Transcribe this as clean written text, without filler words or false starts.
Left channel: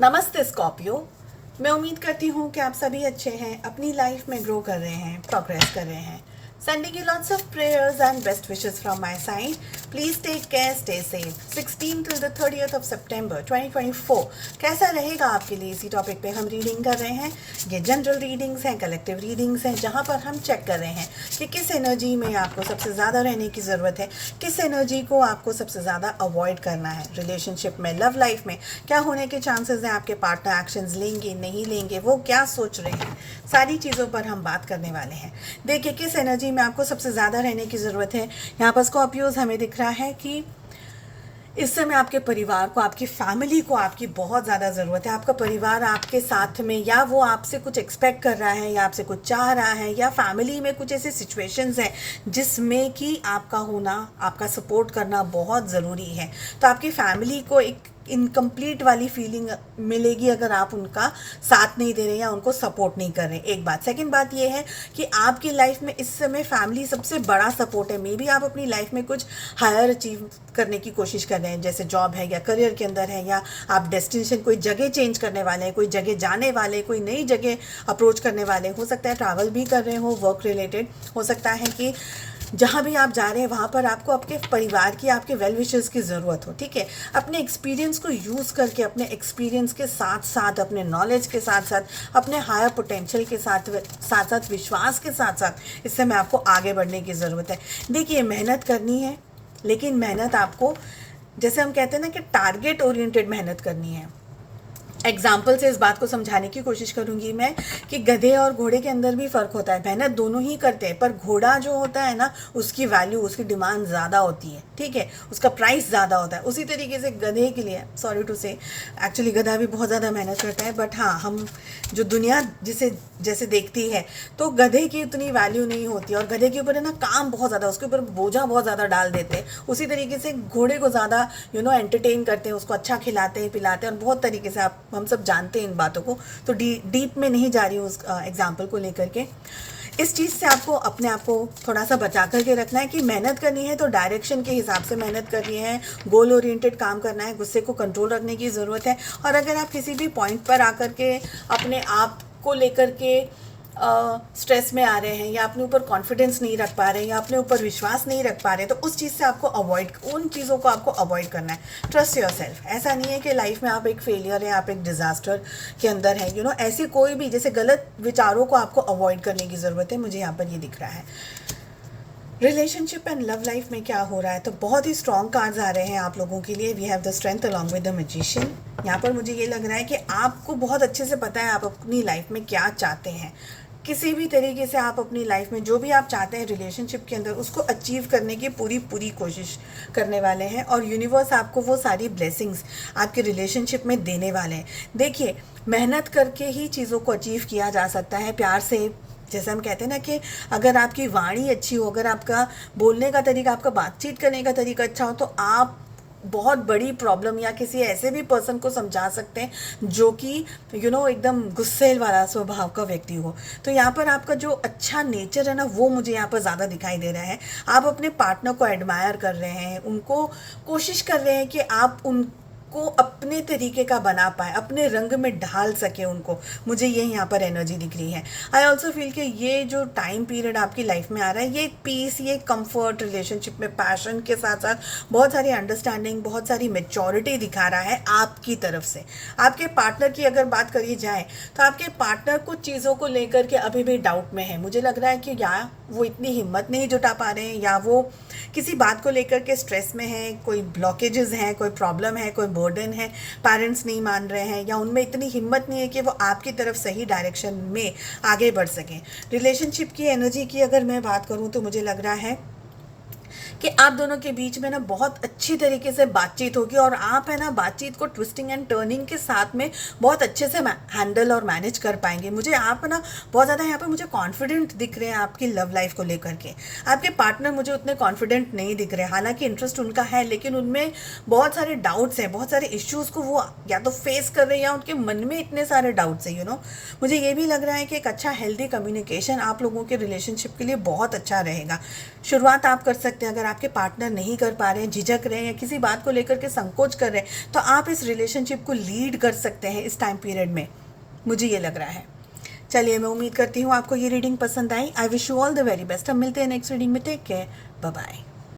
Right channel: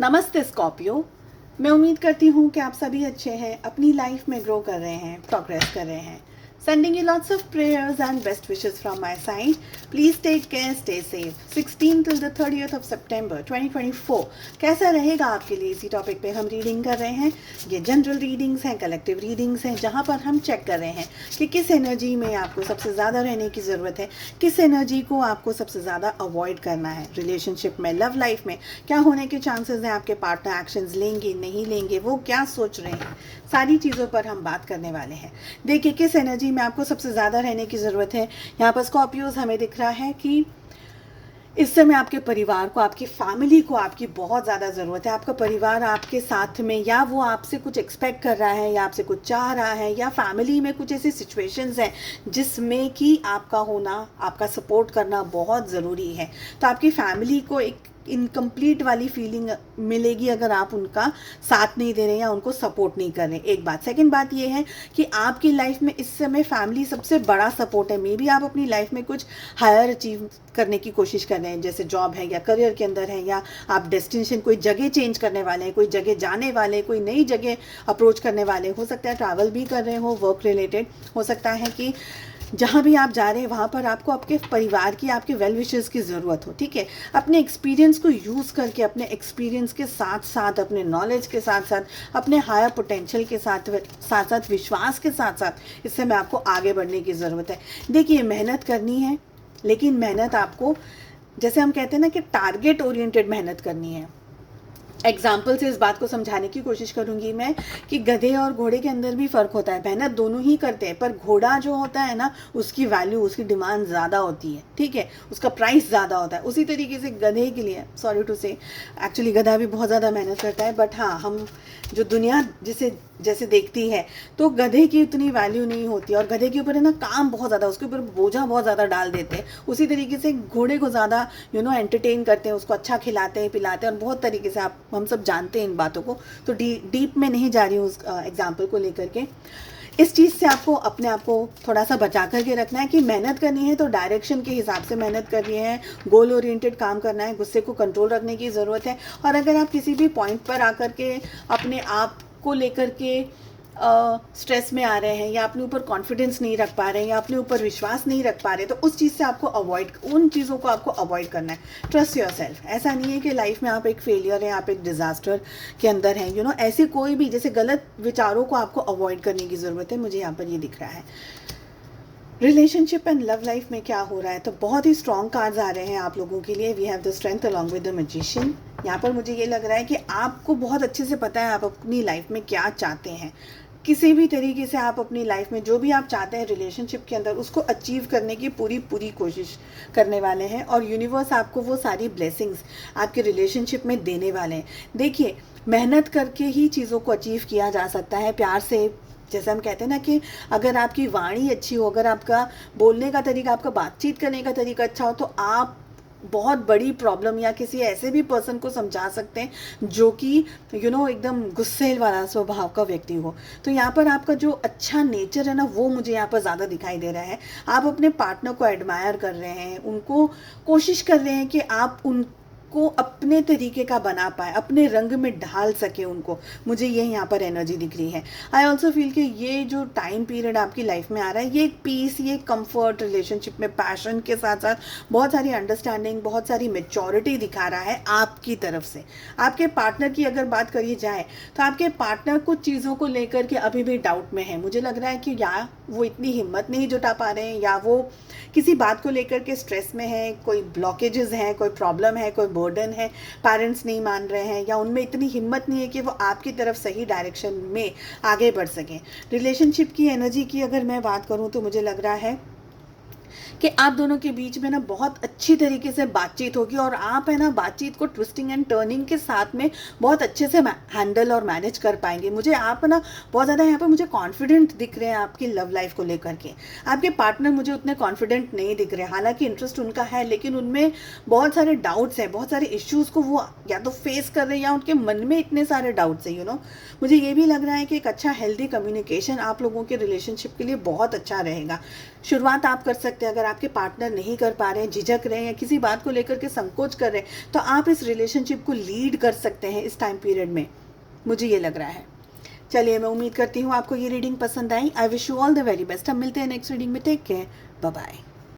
नमस्ते स्कॉर्पियो। मैं उम्मीद करती हूँ कि आप सभी अच्छे हैं, अपनी लाइफ में ग्रो कर रहे हैं, प्रोग्रेस कर रहे हैं। Sending you lots of prayers and best wishes from my side. Please take care, stay safe. 16 till the 30th of September 2024 कैसा रहेगा आपके लिए, इसी टॉपिक पे हम रीडिंग कर रहे हैं। ये जनरल रीडिंग्स हैं, कलेक्टिव रीडिंग्स हैं, जहाँ पर हम चेक कर रहे हैं कि किस एनर्जी में आपको सबसे ज़्यादा रहने की ज़रूरत है, किस एनर्जी को आपको सबसे ज़्यादा अवॉइड करना है। रिलेशनशिप में, लव लाइफ में क्या होने के चांसेस हैं, आपके पार्टनर एक्शंस लेंगे नहीं लेंगे, वो क्या सोच रहे हैं, सारी चीज़ों पर हम बात करने वाले हैं। देखिए किस एनर्जी में आपको सबसे ज़्यादा रहने की ज़रूरत है। यहाँ पर स्कॉर्पियोज हमें दिख रहा है कि इस समय आपके परिवार को, आपकी फैमिली को आपकी बहुत ज़्यादा ज़रूरत है। आपका परिवार आपके साथ में, या वो आपसे कुछ एक्सपेक्ट कर रहा है, या आपसे कुछ चाह रहा है, या फैमिली में कुछ ऐसे सिचुएशंस हैं जिसमें कि आपका होना, आपका सपोर्ट करना बहुत ज़रूरी है। तो आपकी फैमिली को एक इनकम्प्लीट वाली फीलिंग मिलेगी अगर आप उनका साथ नहीं दे रहे या उनको सपोर्ट नहीं कर रहे। एक बात। सेकंड बात ये है कि आपकी लाइफ में इस समय फैमिली सबसे बड़ा सपोर्ट है। मे बी आप अपनी लाइफ में कुछ हायर अचीव करने की कोशिश कर रहे हैं, जैसे जॉब है या करियर के अंदर है, या आप डेस्टिनेशन कोई जगह चेंज करने वाले हैं, कोई जगह जाने वाले, कोई नई जगह अप्रोच करने वाले। हो सकता है ट्रैवल भी कर रहे हो, वर्क रिलेटेड। हो सकता है कि जहाँ भी आप जा रहे हैं वहाँ पर आपको आपके परिवार की, आपके वेल विशर्स की ज़रूरत हो। ठीक है, अपने एक्सपीरियंस को यूज़ करके, अपने एक्सपीरियंस के साथ साथ, अपने नॉलेज के साथ साथ, अपने हायर पोटेंशियल के साथ साथ विश्वास के साथ साथ इस समय आपको आगे बढ़ने की ज़रूरत है। देखिए मेहनत करनी है, लेकिन मेहनत आपको, जैसे हम कहते हैं ना कि टारगेट ओरिएंटेड मेहनत करनी है। एग्जाम्पल से इस बात को समझाने की कोशिश करूंगी मैं कि गधे और घोड़े के अंदर भी फ़र्क होता है। मेहनत दोनों ही करते हैं, पर घोड़ा जो होता है ना, उसकी वैल्यू, उसकी डिमांड ज़्यादा होती है। ठीक है, उसका प्राइस ज़्यादा होता है। उसी तरीके से गधे के लिए, सॉरी टू से, एक्चुअली गधा भी बहुत ज़्यादा मेहनत करता है, बट हाँ, हम जो दुनिया जिसे जैसे देखती है तो गधे की उतनी वैल्यू नहीं होती, और गधे के ऊपर है ना काम बहुत ज़्यादा, उसके ऊपर बोझा बहुत ज़्यादा डाल देते हैं। उसी तरीके से घोड़े को ज़्यादा एंटरटेन करते हैं, उसको अच्छा खिलाते हैं, पिलाते हैं, और बहुत तरीके से हम सब जानते हैं इन बातों को। तो डीप में नहीं जा रही हूँ उस एग्जाम्पल को लेकर के। इस चीज़ से आपको अपने आप को थोड़ा सा बचा करके रखना है कि मेहनत करनी है तो डायरेक्शन के हिसाब से मेहनत करनी है, गोल ओरिएंटेड काम करना है, गुस्से को कंट्रोल रखने की ज़रूरत है। और अगर आप किसी भी पॉइंट पर आकर के अपने आप को लेकर के स्ट्रेस में आ रहे हैं, या अपने ऊपर कॉन्फिडेंस नहीं रख पा रहे हैं, या अपने ऊपर विश्वास नहीं रख पा रहे, तो उस चीज़ से आपको उन चीज़ों को आपको अवॉइड करना है। Trust your self. ऐसा नहीं है कि लाइफ में आप एक फेलियर हैं, आप एक डिज़ास्टर के अंदर हैं। ऐसे कोई भी जैसे गलत विचारों को आपको अवॉइड करने की ज़रूरत है। मुझे यहाँ पर ये दिख रहा है। रिलेशनशिप एंड लव लाइफ में क्या हो रहा है, तो बहुत ही स्ट्रॉन्ग कार्ड्स आ रहे हैं आप लोगों के लिए। We have the strength along with the magician. यहाँ पर मुझे ये लग रहा है कि आपको बहुत अच्छे से पता है आप अपनी लाइफ में क्या चाहते हैं। किसी भी तरीके से आप अपनी लाइफ में जो भी आप चाहते हैं रिलेशनशिप के अंदर, उसको अचीव करने की पूरी कोशिश करने वाले हैं, और यूनिवर्स आपको वो सारी ब्लेसिंग्स आपके रिलेशनशिप में देने वाले हैं। देखिए मेहनत करके ही चीज़ों को अचीव किया जा सकता है, प्यार से। जैसे हम कहते हैं ना कि अगर आपकी वाणी अच्छी हो, अगर आपका बोलने का तरीका, आपका बातचीत करने का तरीका अच्छा हो, तो आप बहुत बड़ी प्रॉब्लम या किसी ऐसे भी पर्सन को समझा सकते हैं जो कि एकदम गुस्से वाला स्वभाव का व्यक्ति हो। तो यहाँ पर आपका जो अच्छा नेचर है ना, वो मुझे यहाँ पर ज़्यादा दिखाई दे रहा है। आप अपने पार्टनर को एडमायर कर रहे हैं, उनको कोशिश कर रहे हैं कि आप उनको अपने तरीके का बना पाए, अपने रंग में ढाल सके उनको। मुझे ये यहाँ पर एनर्जी दिख रही है। आई ऑल्सो फील कि ये जो टाइम पीरियड आपकी लाइफ में आ रहा है, ये एक पीस, ये कंफर्ट, रिलेशनशिप में पैशन के साथ साथ बहुत सारी अंडरस्टैंडिंग, बहुत सारी मेच्योरिटी दिखा रहा है आपकी तरफ से। आपके पार्टनर की अगर बात करी जाए तो आपके पार्टनर कुछ चीज़ों को लेकर के अभी भी डाउट में है। मुझे लग रहा है कि या वो इतनी हिम्मत नहीं जुटा पा रहे हैं, या वो किसी बात को लेकर के स्ट्रेस में है, कोई ब्लॉकेजेस हैं, कोई प्रॉब्लम है, कोई बर्डन है, पेरेंट्स नहीं मान रहे हैं, या उनमें इतनी हिम्मत नहीं है कि वो आपकी तरफ सही डायरेक्शन में आगे बढ़ सकें। रिलेशनशिप की एनर्जी की अगर मैं बात करूं तो मुझे लग रहा है कि आप दोनों के बीच में ना बहुत अच्छी तरीके से बातचीत होगी, और आप है ना बातचीत को ट्विस्टिंग एंड टर्निंग के साथ में बहुत अच्छे से हैंडल और मैनेज कर पाएंगे। मुझे आप ना बहुत ज़्यादा यहाँ पर मुझे कॉन्फिडेंट दिख रहे हैं आपकी लव लाइफ को लेकर के। आपके पार्टनर मुझे उतने कॉन्फिडेंट नहीं दिख रहे, हालांकि इंटरेस्ट उनका है, लेकिन उनमें बहुत सारे डाउट्स हैं, बहुत सारे इश्यूज़ को वो या तो फेस कर रहे हैं, या उनके मन में इतने सारे डाउट्स हैं। मुझे ये भी लग रहा है कि एक अच्छा हेल्दी कम्युनिकेशन आप लोगों के रिलेशनशिप के लिए बहुत अच्छा रहेगा। शुरुआत आप कर सकते हैं अगर आपके पार्टनर नहीं कर पा रहे हैं, झिझक रहे हैं, किसी बात को लेकर के संकोच कर रहे हैं, तो आप इस रिलेशनशिप को लीड कर सकते हैं इस टाइम पीरियड में, मुझे ये लग रहा है। चलिए, मैं उम्मीद करती हूँ आपको ये रीडिंग पसंद आई। I wish you all the very best. हम मिलते हैं नेक्स्ट रीडिंग में। Take care, bye bye.